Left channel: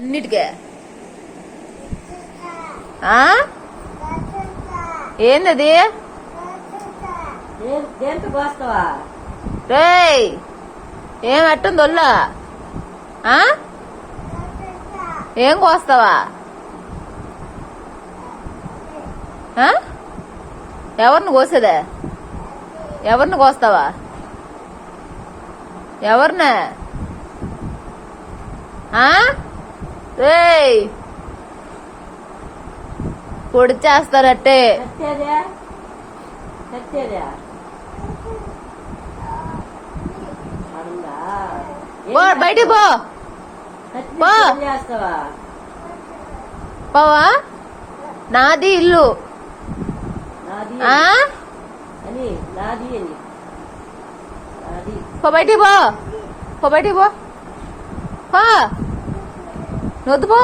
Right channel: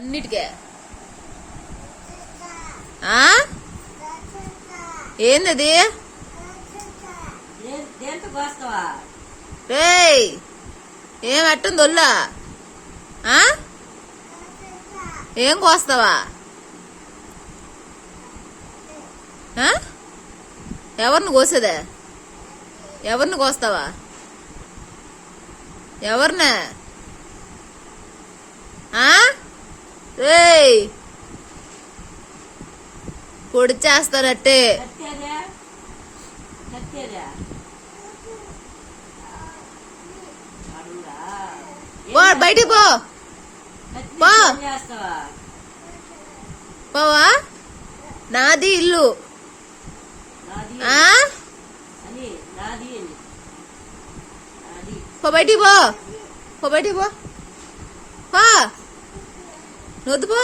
అన్నిటికే ఏందది? రేయ్ ఏం ఎట్టుంది ఒళ్ళా? ఏం కోస్తావా? ఎవరిని కోసేదా? ఎవరిని కోస్తావా? ఎవరినా? రేయ్ పొడి చేస్తారట్టే. బయటికి పో. పోవా? నాది ఇల్లు. బయటికి పో. బయటికి పో. వద్దు పో.